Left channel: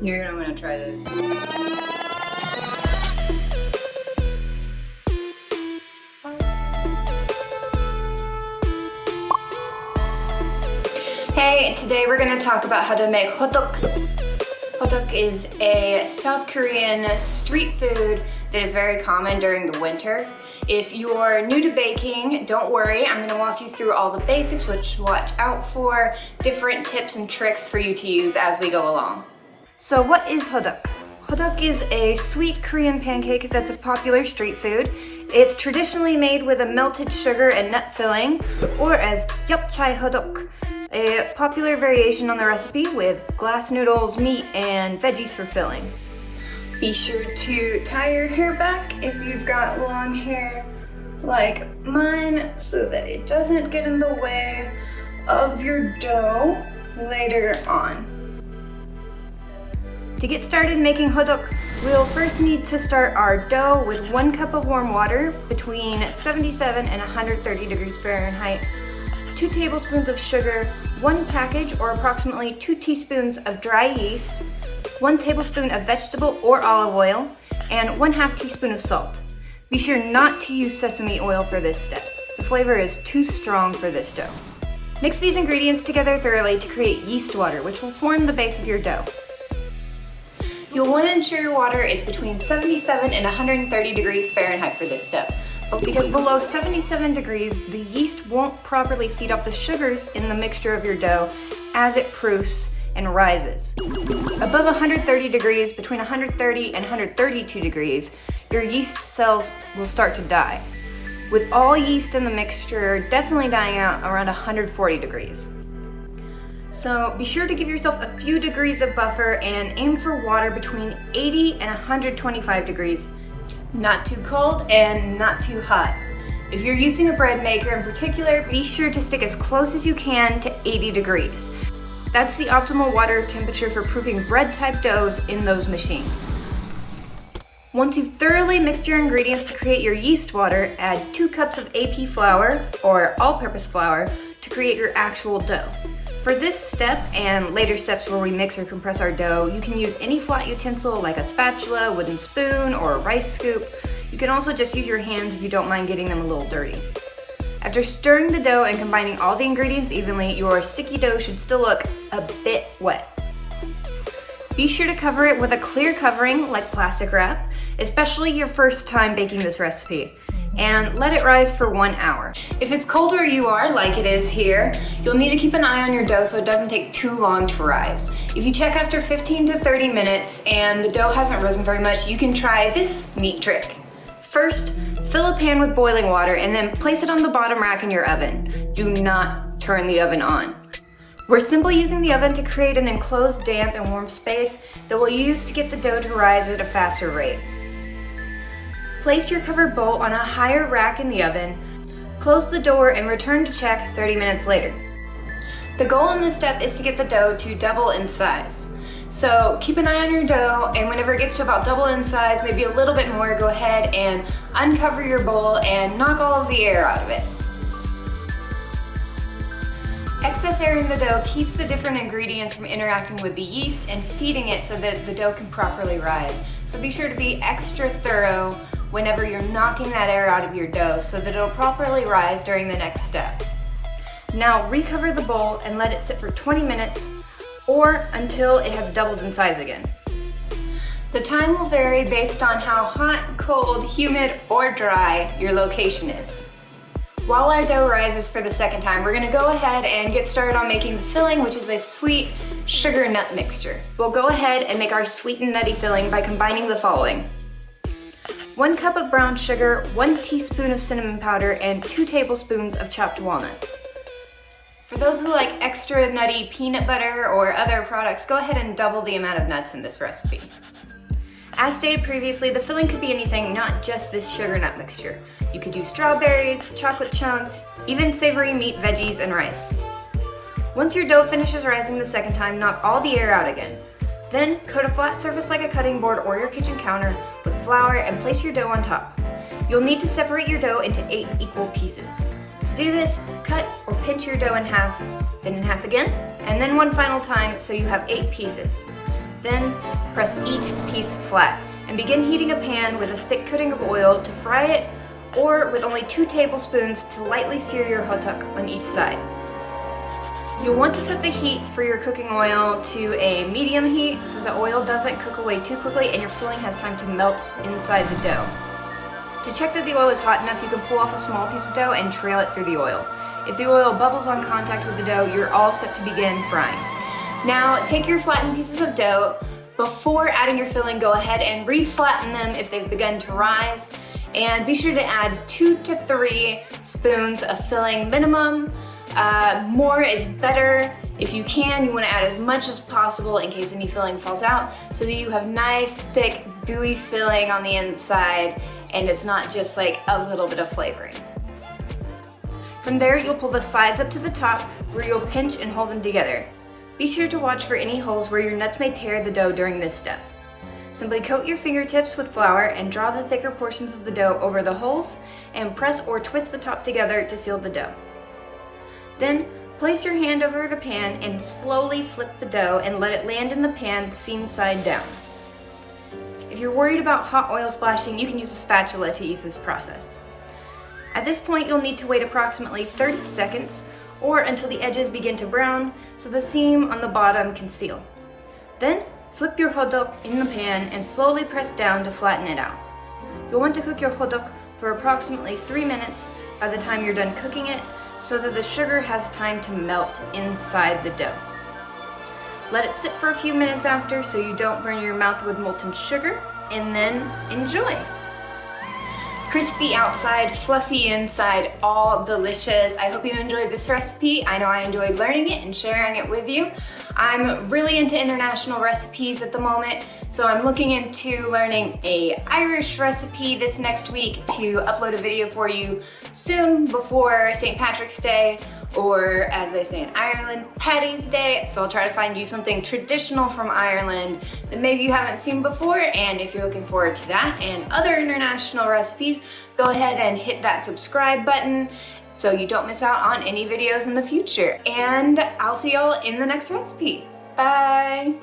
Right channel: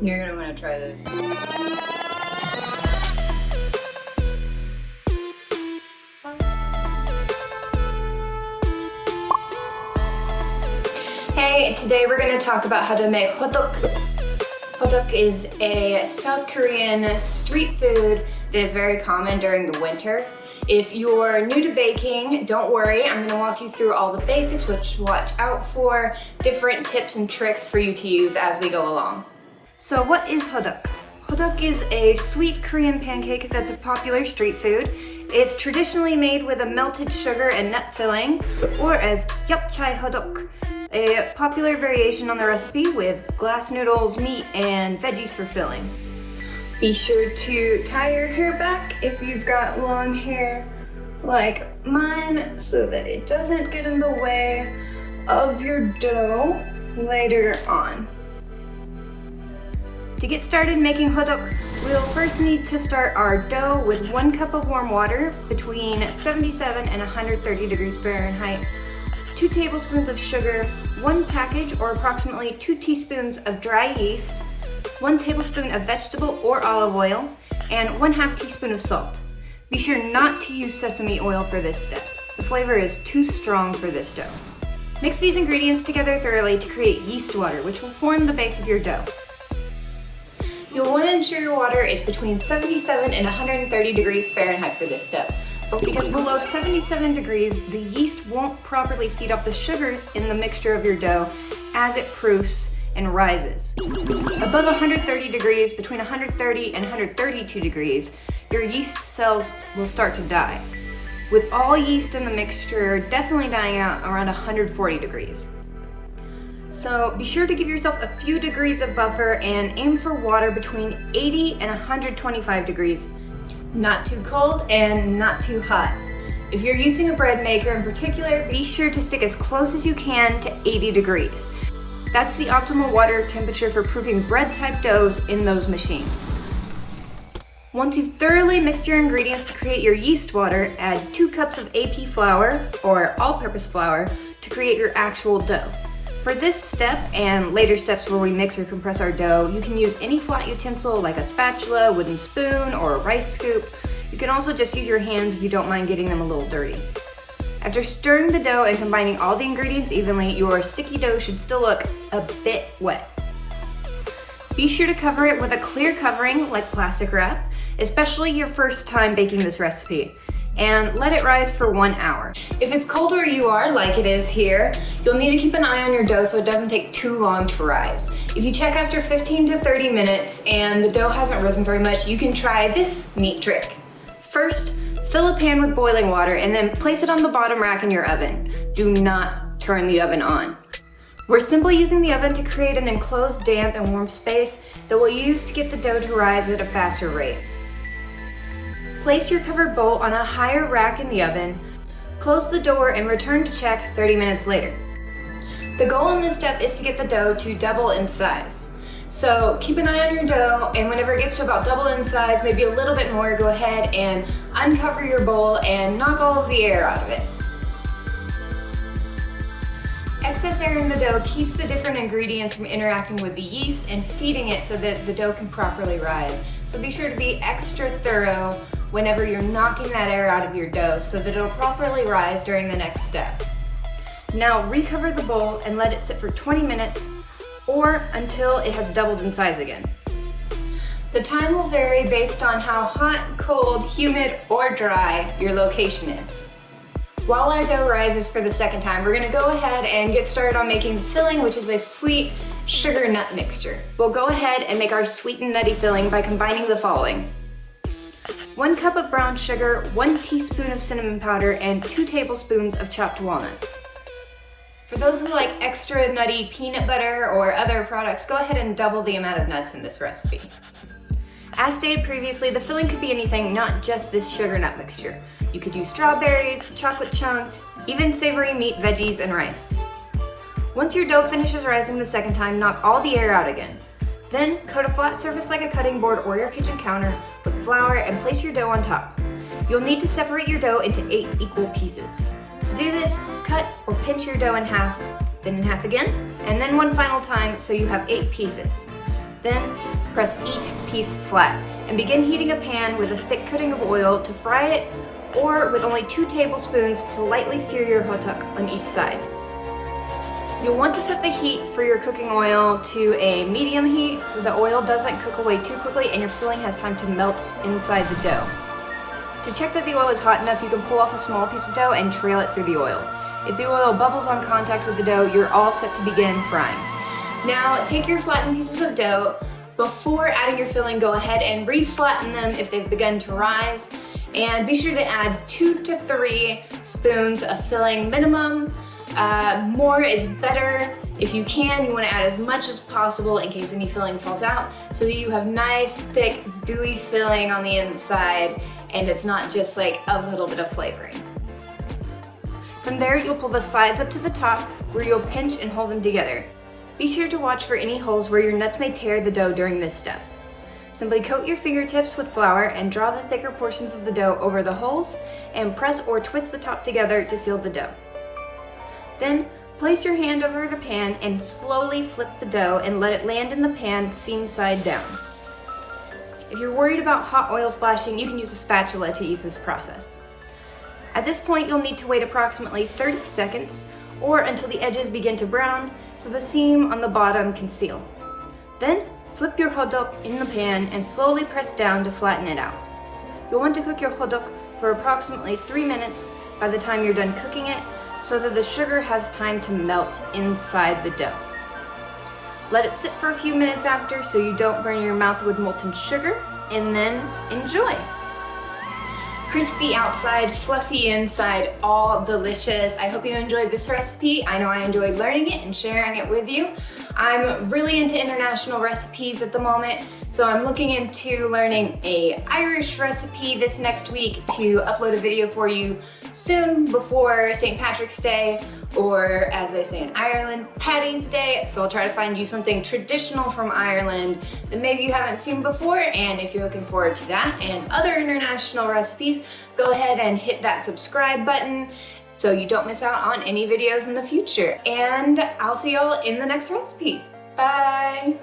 You're gonna wanna try this. Hey, today we're gonna talk about how to make hotteok. Hotteok is a South Korean street food that is very common during the winter. If you're new to baking, don't worry. I'm gonna walk you through all the basics, what to watch out for, different tips and tricks for you to use as we go along. So what is hotteok? Hotteok is a sweet Korean pancake that's a popular street food. It's traditionally made with a melted sugar and nut filling, or as japchae hotteok, a popular variation on the recipe with glass noodles, meat, and veggies for filling. Be sure to tie your hair back if you've got long hair like mine so that it doesn't get in the way of your dough later on. To get started making hotteok, we'll first need to start our dough with 1 cup of warm water between 77 and 130 degrees Fahrenheit, 2 tablespoons of sugar, 1 package or approximately 2 teaspoons of dry yeast, 1 tablespoon of vegetable or olive oil, and 1/2 teaspoon of salt. Be sure not to use sesame oil for this step. The flavor is too strong for this dough. Mix these ingredients together thoroughly to create yeast water, which will form the base of your dough. You'll want to ensure your water is between 77 and 130 degrees Fahrenheit for this step. But because below 77 degrees, the yeast won't properly feed off the sugars in the mixture of your dough as it proofs and rises. Above 130 degrees, between 130 and 132 degrees, your yeast cells will start to die. With all yeast in the mixture definitely dying out around 140 degrees. So be sure to give yourself a few degrees of buffer and aim for water between 80 and 125 degrees. Not too cold and not too hot. If you're using a bread maker in particular, be sure to stick as close as you can to 80 degrees. That's the optimal water temperature for proofing bread type doughs in those machines. Once you've thoroughly mixed your ingredients to create your yeast water, add 2 cups of AP flour or all-purpose flour to create your actual dough. For this step and later steps where we mix or compress our dough, you can use any flat utensil like a spatula, wooden spoon, or a rice scoop. You can also just use your hands if you don't mind getting them a little dirty. After stirring the dough and combining all the ingredients evenly, your sticky dough should still look a bit wet. Be sure to cover it with a clear covering like plastic wrap, especially your first time baking this recipe, and let it rise for 1 hour. If it's cold where you are, like it is here, you'll need to keep an eye on your dough so it doesn't take too long to rise. If you check after 15 to 30 minutes and the dough hasn't risen very much, you can try this neat trick. First, fill a pan with boiling water and then place it on the bottom rack in your oven. Do not turn the oven on. We're simply using the oven to create an enclosed, damp, and warm space that we'll use to get the dough to rise at a faster rate. Place your covered bowl on a higher rack in the oven, close the door, and return to check 30 minutes later. The goal in this step is to get the dough to double in size. So keep an eye on your dough, and whenever it gets to about double in size, maybe a little bit more, go ahead and uncover your bowl and knock all of the air out of it. Excess air in the dough keeps the different ingredients from interacting with the yeast and feeding it so that the dough can properly rise. So be sure to be extra thorough whenever you're knocking that air out of your dough so that it'll properly rise during the next step. Now recover the bowl and let it sit for 20 minutes or until it has doubled in size again. The time will vary based on how hot, cold, humid, or dry your location is. While our dough rises for the second time, we're gonna go ahead and get started on making the filling, which is a sweet sugar nut mixture. We'll go ahead and make our sweet and nutty filling by combining the following: 1 cup of brown sugar, 1 teaspoon of cinnamon powder, and 2 tablespoons of chopped walnuts. For those who like extra nutty peanut butter or other products, go ahead and double the amount of nuts in this recipe. As stated previously, the filling could be anything, not just this sugar nut mixture. You could use strawberries, chocolate chunks, even savory meat, veggies, and rice. Once your dough finishes rising the second time, knock all the air out again. Then coat a flat surface like a cutting board or your kitchen counter with flour and place your dough on top. You'll need to separate your dough into 8 equal pieces. To do this, cut or pinch your dough in half, then in half again, and then one final time so you have 8 pieces. Then press each piece flat and begin heating a pan with a thick coating of oil to fry it, or with only 2 tablespoons to lightly sear your hotteok on each side. You'll want to set the heat for your cooking oil to a medium heat so the oil doesn't cook away too quickly and your filling has time to melt inside the dough. To check that the oil is hot enough, you can pull off a small piece of dough and trail it through the oil. If the oil bubbles on contact with the dough, you're all set to begin frying. Now, take your flattened pieces of dough. Before adding your filling, go ahead and re-flatten them if they've begun to rise. And be sure to add 2 to 3 spoons of filling minimum. More is better. If you can, you want to add as much as possible in case any filling falls out, so that you have nice, thick, gooey filling on the inside and it's not just like a little bit of flavoring. From there, you'll pull the sides up to the top where you'll pinch and hold them together. Be sure to watch for any holes where your nuts may tear the dough during this step. Simply coat your fingertips with flour and draw the thicker portions of the dough over the holes and press or twist the top together to seal the dough. Then, place your hand over the pan and slowly flip the dough and let it land in the pan seam side down. If you're worried about hot oil splashing, you can use a spatula to ease this process. At this point, you'll need to wait approximately 30 seconds or until the edges begin to brown so the seam on the bottom can seal. Then, flip your hotteok in the pan and slowly press down to flatten it out. You'll want to cook your hotteok for approximately 3 minutes by the time you're done cooking it, so that the sugar has time to melt inside the dough. Let it sit for a few minutes after so you don't burn your mouth with molten sugar, and then enjoy! Crispy outside, fluffy inside, all delicious. I hope you enjoyed this recipe. I know I enjoyed learning it and sharing it with you. I'm really into international recipes at the moment, so I'm looking into learning an Irish recipe this next week to upload a video for you soon before St. Patrick's Day, or as they say in Ireland, Paddy's Day. So I'll try to find you something traditional from Ireland that maybe you haven't seen before, and if you're looking forward to that and other international recipes, go ahead and hit that subscribe button so you don't miss out on any videos in the future. And I'll see y'all in the next recipe. Bye!